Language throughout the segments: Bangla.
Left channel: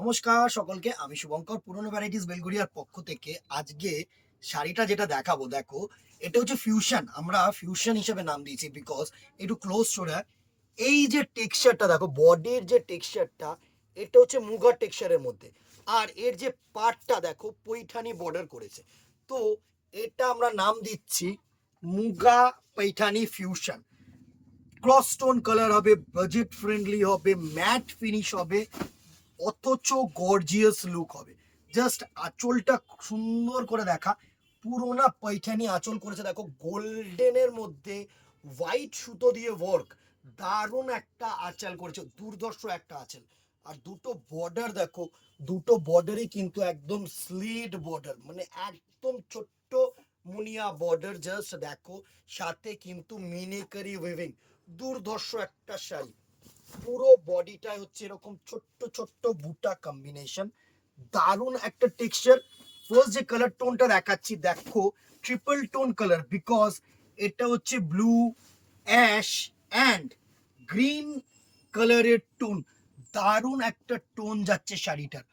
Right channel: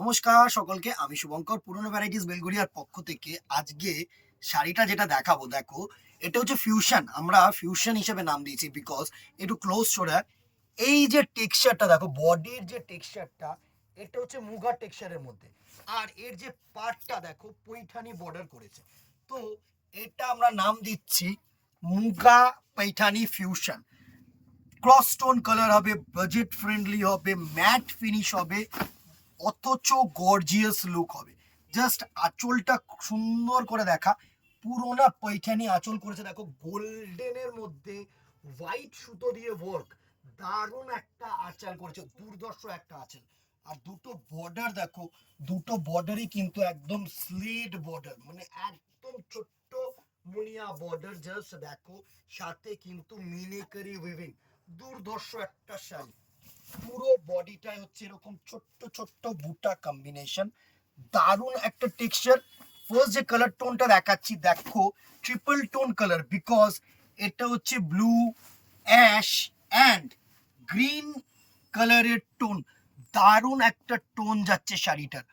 নমস্কার সকলকে, আমি শুভঙ্কর পুরনো ভ্যারাইটিস বেলগুড়িয়ার পক্ষ থেকে। আজকে শাড়িটা যেটা দেখাবো, দেখো, এটা হচ্ছে ফিউশন। আমরা ফিউশন হিসেবে নাম দিয়েছি বিকজ একটু ক্লোজ শোল্ডার। এই যে টেক্সচারটা দেখো, বডির যে টেক্সচারটা, এটা হচ্ছে মুগা টেক্সচারের মধ্যে। আর এর যে পার্টটা দেখো, পৈঠানি বর্ডার করেছে। তো এটা আমরা নাম দিচ্ছি muga Paithani fusion. Cross stone colour হবে, বাজেট ফ্রেন্ডলি হবে, ম্যাট ফিনিশ হবে, অথচ গর্জিয়াস লুক হবে। জাস্ট আঁচলটা সুন্দর করে দেখা, পুরোনা পৈঠানি আঁচল করেছে দেখো, গোল্ডেনের মধ্যে হোয়াইট সুতো দিয়ে ওয়ার্ক। দারুণ একটা আঁচল করেছে, দুর্ধর্ষ একটা আঁচল। আর দুটো বর্ডার দেখো, দুটো বর্ডারই কিন্তু একদম স্লিট বর্ডার, মানে একদম ছোট্ট মুনিয়া বর্ডার। জাস্ট দেখো, সাথে কিন্তু মিনিকারি ওয়েভিং, দুর্ধর্ষ একটা শাড়ি। পুরো বডিটা হচ্ছে এরকম ছোট্ট ছোট্ট বুটা কম্বিনেশন, দারুণ একটা টেক্সচার। ফার্স্ট যে কালার টোনটা দেখাচ্ছি দেখো, ট্রিপল টোন কালার, বিকজ এটা হচ্ছে ব্লু, অ্যাশ অ্যান্ড গ্রিন কালারের টোন। দারুণ একটা টোন যাচ্ছে শাড়িটার,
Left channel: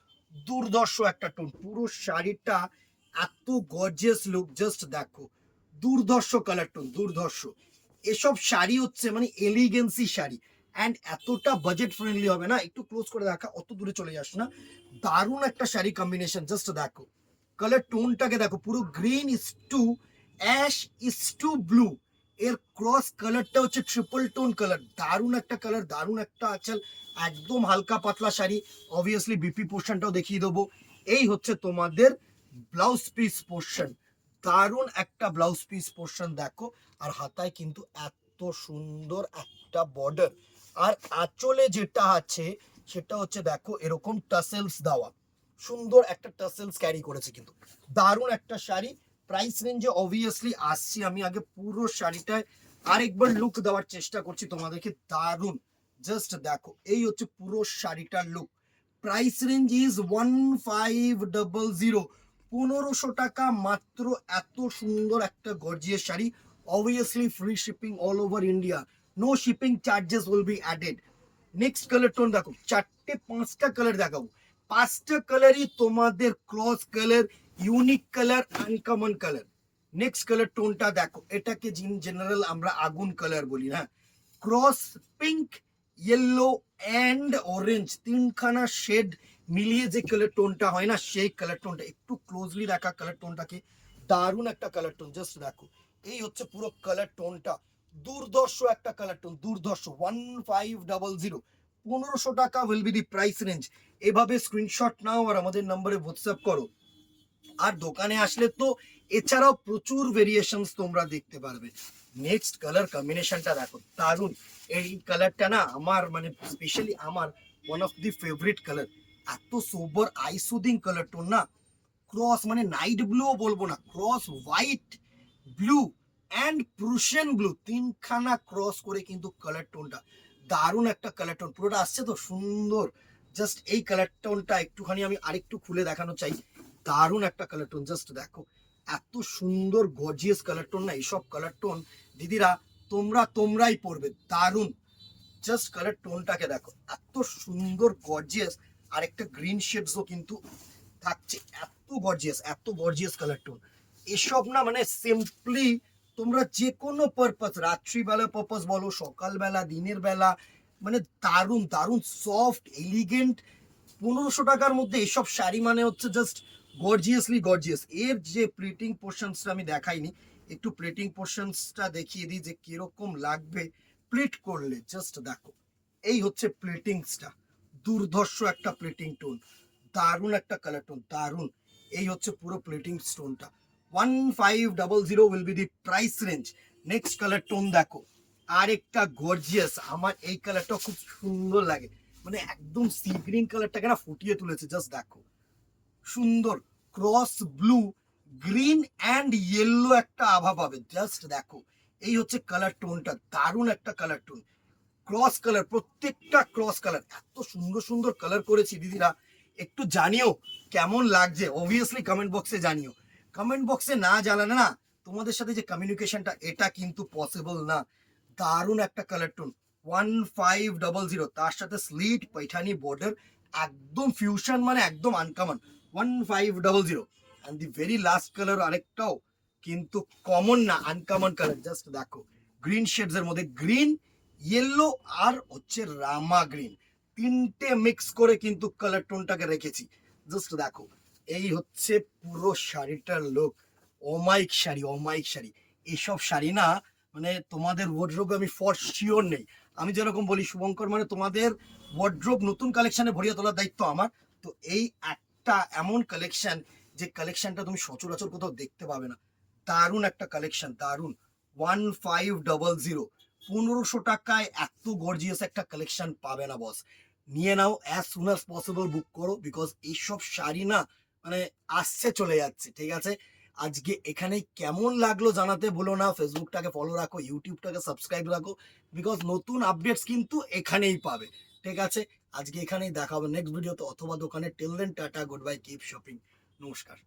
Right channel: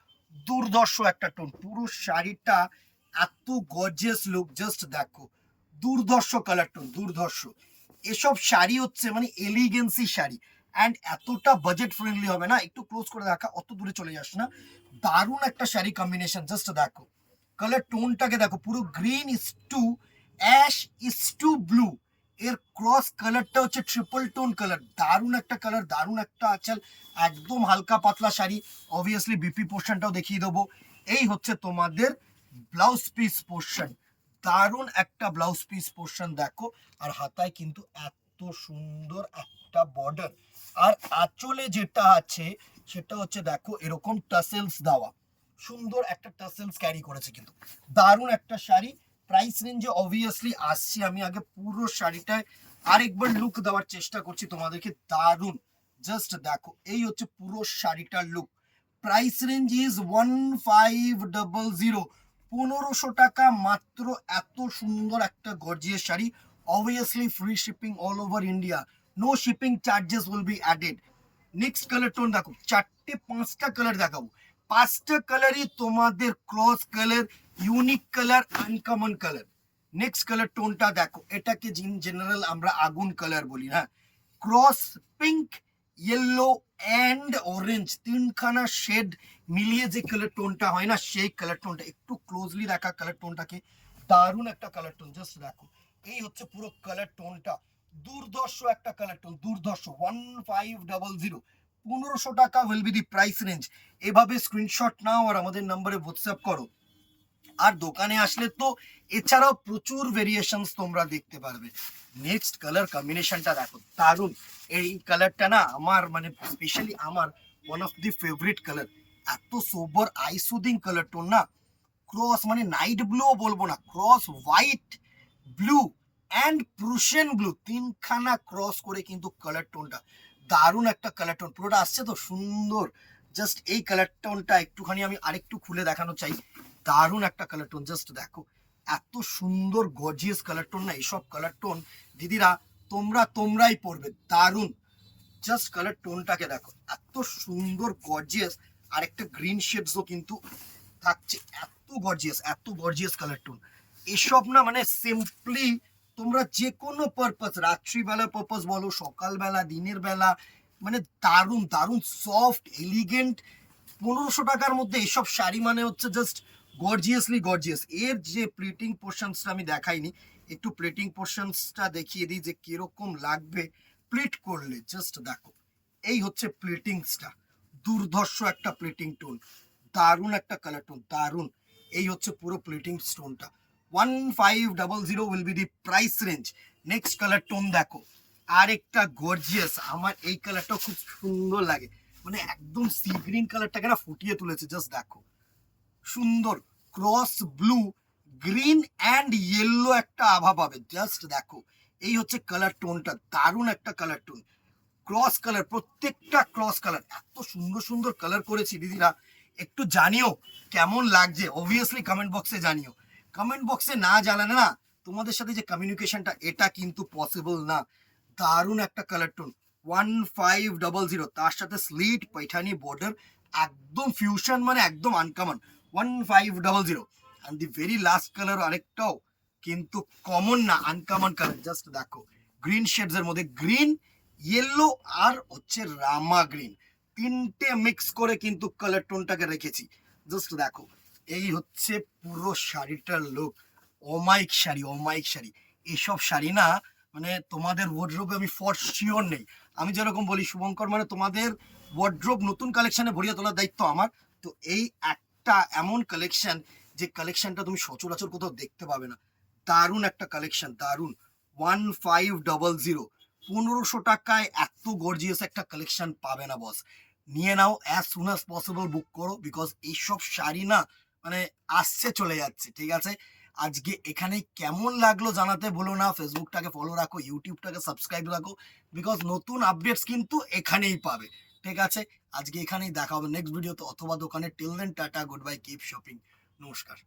দুর্ধর্ষ একটা টোন। পুরো শাড়িটা এত গর্জিয়াস লুক, জাস্ট দেখো, দুর্ধর্ষ কালার টোন, দুর্ধর্ষ। এসব শাড়ি হচ্ছে মানে এলিগেন্সি শাড়ি, অ্যান্ড এতটা বাজেট ফ্রেন্ডলি হবে না। একটু ক্লোজ করে দেখা, অত দূরে চলে যাস না। দারুণ একটা শাড়ি কম্বিনেশন, জাস্ট দেখো কালার টোনটাকে দেখো, পুরো green is to ash is to blue, এর ক্রস কালারটা হচ্ছে ট্রিপল টোন কালার। দারুণ একটা কালার, দারুণ একটা আঁচল, একদম হালকা পাতলা শাড়ি। অবভিয়াসলি বিপি পোর্শনটাও দেখিয়ে দেবো। এই হচ্ছে তোমাদের ব্লাউজ পিস পোর্শন, দারুণ একটা ব্লাউজ পিস পোর্শন দেখো। আর হাতায় কিন্তু এত সুন্দর একটা বর্ডার। আর আঁচলে যেটা আছে সেটা হচ্ছে দেখো এরকম টাসেলস দেওয়া, সুন্দর একটা টাসেলস ক্যারি করেছে কিন্তু। দারুণ একটা শাড়ি। প্রাইস রেঞ্জে অবভিয়াসলি আসছি, আমি আগে পুরো শাড়িটায় আরেকবার লুক দেওয়ার চেষ্টা করছি তোমাদেরকে। দারুণ, জাস্ট দেখো, এই হচ্ছে পুরো শাড়িটার লুক। প্রাইস রেঞ্জ ইজ 1500, 1500 টাকা মাত্র। এত সুন্দর একটা gorgeous sari. Obviously free shipping all over India, no shipping charges will be added. Next colour tone দেখো, চারটে পাঁচটা কালার দেখাবো, পাঁচটা কালারই তোমাদের cross colour, unique colour, uncommon colour. Next colour টোনটা দেখো, এটাকে জেনারেল আমরা আগুন কালার বলি, হ্যাঁ। Cross pink, yellow and orange, তিনখানা শেড মিলিয়ে যে কালার টোনটা হয় না, সেই কালার টোনটা। একটু ক্লোজলি দেখা কালার টোনটাকে, দারুণ একটা কালার টোন, জাস্ট দেখো। এই হচ্ছে পুরো কালার টোনটা, দুর্ধর্ষ একটা কালার টোন, দুর্ধর্ষ। 1500, 1500 টাকা will be the price range. এভাবে স্ক্রিনশট নাও আর আমাদের নম্বরে হোয়াটসঅ্যাপ করো। আর দোকানে আসলে তো এছাড়াও প্রচুর ভেরিয়েশনস তোমরা দেখতে পারবে। নেক্সট কালার কম্বিনেশনটা দেখো, দারুণ। এই কালারটা না আমার মানে স্পেশালি আমার one of the favourite colour. এত সোবার আই সুদিং কালার টোন না, ক্রস মানে নাইট ব্লুও বলবো না, cross white, blue and Prussian blue, তিনখানা ক্রস করে কিন্তু কালার টোনটা। দারুণ একটা কালার টোন, পুরোটা আসছে তো সুন্দর। জাস্ট এই কালার টোনটা একটুখানি আমি আরেকটু খুলে দেখানো চাই। দারুণ একটা কালার টোন, জাস্ট দেখো, এত সুন্দর গর্জিয়াস কালার টোন না। এইসব কালার টোন দিদিরা তোমরাই পড়বে, দারুণ। জাস্ট কালার টোনটাকে দেখো, এত সুন্দর গর্জিয়াস। আর একটা গ্রিন শেডসও কিন্তু থাকছে, এত গর্জিয়াস, এত গর্জিয়াস কালার টোন। এসব না মানে সিম্পলি তোমরা যে কোনো পারপাস, রাত্রিবেলা পারপাস বলো, সকালবেলা, দিনের বেলা, মানে দারুণ দারুণ সফট এলিগেন্ট। 1500 টাকার মধ্যে এসব শাড়ি মানে হচ্ছে জাস্ট গর্জিয়াসলি গর্জিয়াস। এর যে প্লেটিং পোর্শনসটা আমি দেখাইনি, একটু প্লেটিং পোর্শনসটা দেখিয়ে দিই যে কিরকম লাগবে প্লিট করলে। জাস্ট দেখো, এই হচ্ছে প্লেটিংসটা, দুর্ধর্ষ একটা প্লেটিং টোন, দারুণ একটা কালার টোন, দারুণ। এই হচ্ছে পুরো প্লেটিং স্টোনটা। 1500 will be the price range. Next colour tone দেখো, আরেকটা গর্জিয়াস। আমার এই কালারটা খুব সুন্দর লাগে, মানে একদম সি গ্রিন কালারটাকে না ফুটিয়ে তুলেছে। জাস্ট দেখো, সুন্দর cross blue, green and yellow একটা আভা পাবে। জাস্ট দেখো, এই হচ্ছে কালার টোনটা, দারুণ একটা কালার টোন। ক্রস কালার, প্রত্যেকটা ক্রস কালার, এত সুন্দর সুন্দর কালার করেছি দিদিরা। একটু জানিও কেমন লাগছে, অবভিয়াসলি কমেন্ট বক্সে জানিও। কমেন্ট বক্সে না জানালে না তোমাদের সাথে যে কমিউনিকেশনটা, এটা কিন্তু পসিবল না। দারুণ একটা কালার টোন, 1500, তার সাথে স্লিট পৈঠানি বর্ডার, একদম ফিউশন, মানে একদম uncommon. 1500 and the very last colour আরেকটাও কিন্তু কমন না, আনকমন কালার। জাস্ট দেখো গ্রিন শেডস এর মধ্যে গ্রিন, ইয়েলো আর হচ্ছে রামা গ্রিন, তিনটে মিক্স করে কিন্তু কালার টোনটাকে রেখেছি। জাস্ট দেখো এই হচ্ছে পুরো শাড়িটার লুক। অমাইক শাড়ি, অমাইক শাড়ি। এইসব শাড়ি না মানে তোমাদের ওয়ার্ড্রোবে আমি ফর শিওর নেই। আমি যেরকম বলি শুভঙ্কর, মানে তোমাদের ওয়ার্ড্রোব নতুন কালেকশনে ভরিয়ে তোলার দায়িত্ব আমার। তো এই একটা এমন কালেকশন, যে কালেকশনটা তুমি সচরাচর কোথাও দেখতে পাবে না। দারুণ একটা কালেকশন, দারুণ। 1500, 1500 টাকায় এত গর্জিয়াস একটা কালেকশন পাবে না বস। নিয়ে নাও, অ্যাজ সুন অ্যাজ পসিবল বুক করো, বিকজ এইসব শাড়ি না মানে আসছে চলে যাচ্ছে, ঠিক আছে? আজকে এখানেই কেমন লাগলো জানাতে ভুলো না। ফেসবুকটাকে ফলো রাখো, ইউটিউবটাকে সাবস্ক্রাইব রাখো, বিকজ নতুন আপডেটস কিন্তু এখানেই পাবে, ঠিক আছে? আজকে এখানেই দেখা হবে নেক্সট ভিডিওতে অথবা দোকানে। Till then tata, good bye, keep shopping, নমস্কার।